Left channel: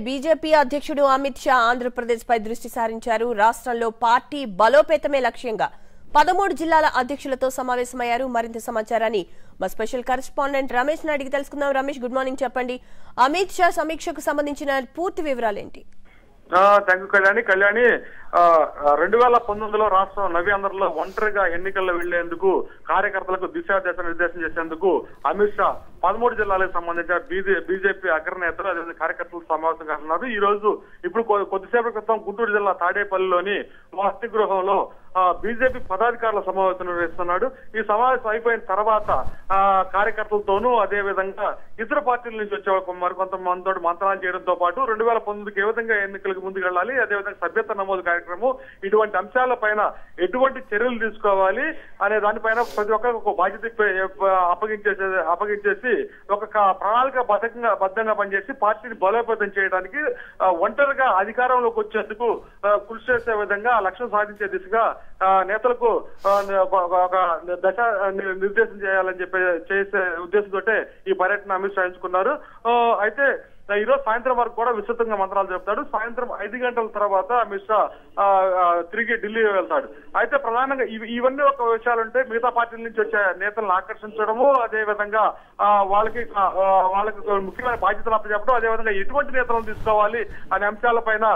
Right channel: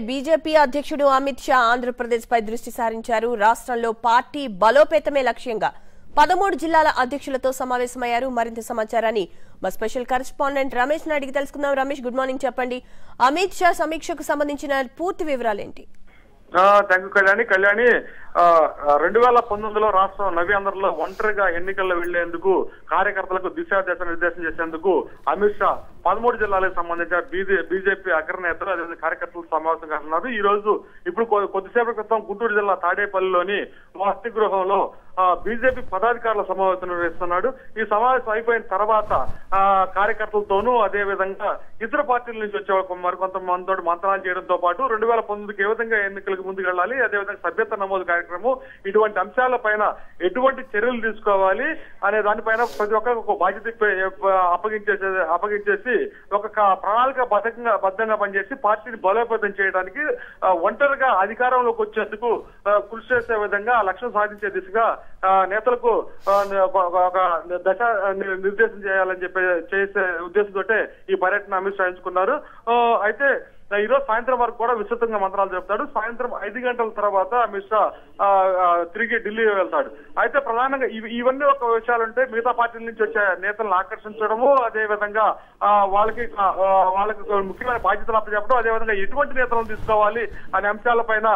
BJP అధ్యక్షుడు అమిత్ షా ఆంధ్రప్రదేశ్ పై దృష్టి సారించారు. రాష్ట్రంలో పార్టీ బలోపేతమే లక్ష్యంగా 13 జిల్లాల అధ్యక్షులతో సమావేశమయ్యారు. మరింత సమాచారాన్ని మా స్పెషల్ కరెస్పాండెంట్ రమేష్ అడిగి తెలుసుకుందాం. Ramesh, good morning. చెప్పండి, అమిత్ షా సమీక్షకు సంబంధించిన పూర్తి వివరాలేంటి? Thank you Kalyani. 2019లో రాష్ట్రం నవ్యాంధ్రలో ఒంటరిగా ఎన్నికల్లో వెళ్లేందుకు కార్యకర్తలకు దిశానిర్దేశం చేసేందుకు అమిత్ షా 13 జిల్లాలకు సంబంధించిన బీజేపీ అగ్రనేతలు అదే కార్యకర్తలు సమావేశం కానున్నారు. ఈ రోజు ఇప్పుడు కొద్దిసేపటి క్రితం గుంటూరు జిల్లా తాడేపల్లిలోని వసతి గృహంలో బీజేపీ పదాధికారుల సమావేశం నిర్వహిస్తున్నాడు. ఈ సమావేశం అయిపోయిన తర్వాత కార్యకర్తలతోనూ అదే విధంగా ఇతర పార్టీల నుంచి వచ్చే మరికొంత మందితో మంతనాలు చేయడంతో పాటు 2019కి ఏ విధంగా ఎన్నికలకు ముందుకు వెళ్ళాలి, అదేవిధంగా సభ్యత నమోదు కార్యక్రమం, ఇటువంటి అంశాలపైన ఎటువంటి చర్యలు తీసుకోవాలి అనే దానిపైన ప్రతి ఒక్కరికి ఒక బాధ్యత అప్పగించేసి ఒక ప్రణాళిక బద్ధంగా పనిచేసి పార్టీని బలోపేతం చేయడానికి ఒంటరిగా అధికారంలోకి వచ్చేందుకు కృషి చేసే విధంగా లక్ష్యం సాధించే దిశగా నేతలకు దశ నిర్దేశం చేయాలని చేసే ఉద్దేశంతో ఈ పర్యటన అమిత్ షా ఎంచుకున్నారు. అయితే ఈరోజు సాయంత్రం వరకు కూడా విస్తృతంగా మంత్రాలు చెప్తాడు. సాయంత్రం 5 గంటల తర్వాత అమిత్ షా తిరిగి ఢిల్లీ వెళ్తాడు. అయితే ప్రధానంగా ఇవన్నీ ఒక విషయాలుంటే మిగతా పార్టీల నుంచి వచ్చే నేతలను ఆకర్షించడము, అదే విధంగా వాళ్ళకి ముఖ్యమైన బాధ్యతలు అప్పచెప్పడం, అదేవిధంగా ఎటువంటి నేతలను తీసుకోవాలి అనే అంశాలపైన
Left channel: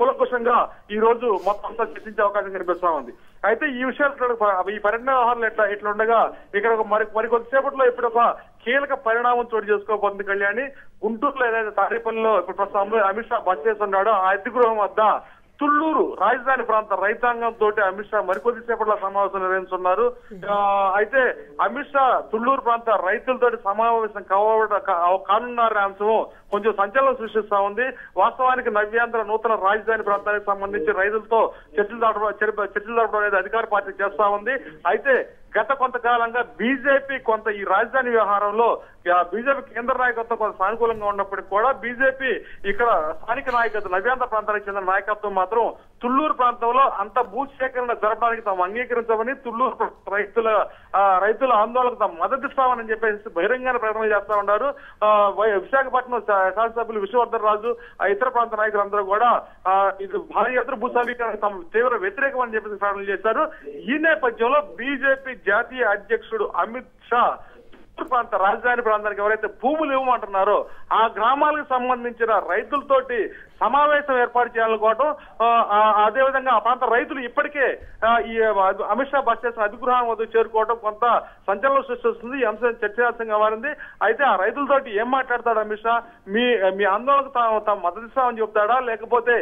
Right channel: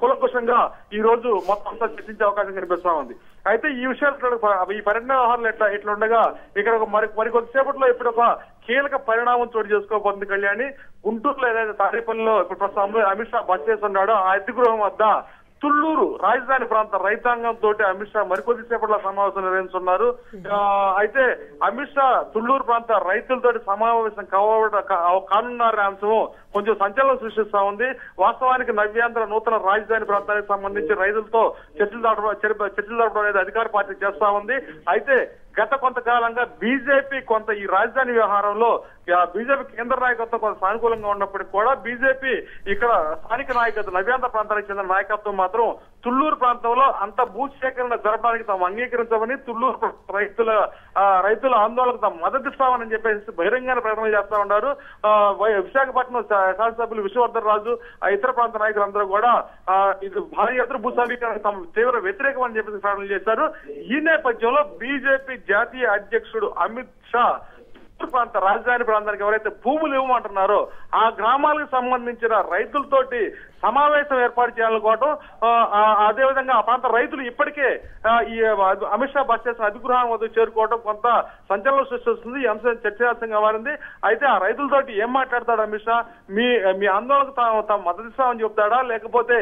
కూలంకషంగా ఈ రోజు మొత్తం అంతా చర్చించే అవకాశం కనిపిస్తా ఉంది. అయితే ఈ విషయాలు ఈ పరిణామాలు ఇట్లుండగా ఇక్కడ మరి కొద్దిసేపట్లో ఇప్పుడు ఒక కీలక పరిణామం చోటు చేసుకోబోతుంది కళ్యాణి. గుంటూరులో ఏదైతే తాడేపల్లిలో ప్రస్తుతం అమిత్ షా బస్ చేస్తున్నాడో ఆ అధిగృహం వద్ద తుళ్లూరు రాజధాని ప్రాంత రైతాంగంతో అమిత్ షా మరికొద్దిసేపట్లో సమావేశం నిర్వహిస్తున్నారు. అయితే అమిత్ షా తుళ్లూరు ప్రాంత రైతులతో సమావేశం కానున్నారనే అంశం కొంచెం సంచలనం సృష్టిస్తా ఉంది. వాస్తవానికి నవ్యాంధ్ర నూతన రాజధాని ప్రాంతానికి సంబంధించి రైతులతో చర్చలు జరపడం అనేది అధికార పార్టీ చేస్తా ఉంది. అయితే గత కొంతకాలంగా బీజేపీ కొంత ఈ రాజధాని వ్యవహారంలో బీజేపీ కేంద్ర నాయకత్వం కొంత సానుకూలంగా ఉన్నప్పటికీ కూడా బీజేపీ ఇక్కడ స్థానిక నాయకత్వం నవ్యాంధ్ర ప్రాంతానికి చెందిన నాయకత్వం మాత్రం తుళ్లూరు ప్రాంతంలో అంత భూసేకరణ జరపడానికి తాము అంగీకరించామని, తుళ్లూరు రైతుల ఆందోళనకు తాము మద్దతిస్తామని చెప్పేసి బహిరంగ ప్రకటన చేస్తా ఉన్నారు. విశాఖపట్నం శాసనసభ్యులు విశ్వవర్ధన్ రాజు ఇతర ప్రాంత నాయకులందరూ కూడా ఇది భారీ ఎత్తున భూసేకరణకు తాము తీవ్ర వ్యతిరేకం అని చెప్పేసి ప్రకటన చేశారు. ఈ నేపథ్యంలో బీజేపీ జాతీయ అధ్యక్షుడు అమిత్ షా ప్రాంత రాజధాని ప్రాంతానికి ఎవరైతే భూములు ఇవ్వమంటున్నారో ఆ గ్రామాలకు సంబంధించిన రైతులతోటి సమావేశం ఏర్పాటు చేయాలనుకోవడం, అదేవిధంగా ఆ ప్రాంత రైతులు ఇప్పటికే ఈ అమిత్ షా బస్ చేసిన అధిగృహాన్ని వద్ద చేరుకోవడం కొంత సంచలనం సృష్టిస్తుంది. ఈ అంశం చర్చనీయాంశంగా మారింది. అయితే ఆ రైతులతోటి ఏం మాట్లాడతారు అమిత్ షా? మీ ఆందోళనకు తాము మద్దతిస్తామని చెప్తాడా, లేకపోతే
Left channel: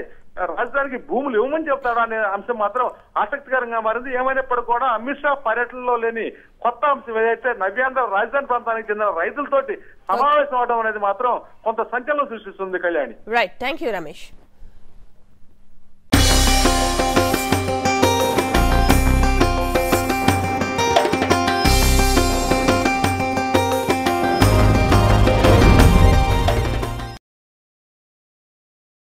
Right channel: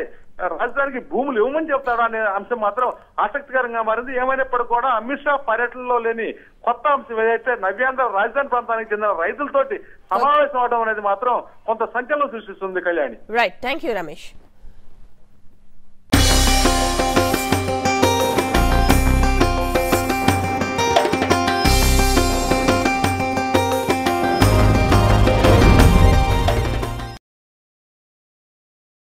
రాజధానికి భూములు ఇవ్వమని చెప్తారా అనే అంశం మాత్రం ఆసక్తికరంగా మారింది. ఏమైనప్పటికీ కూడా అమిత్ షా పర్యటనలో లేని కొత్త అంశం ఏదైతే నవ్యాంధ్ర రాజధాని ప్రాంతానికి చెందిన రైతులతోటి సమావేశం అవడం అనేది మాత్రం కొంత సంచలనం సృష్టిస్తుంది Kalyani. Right, thank you Ramesh.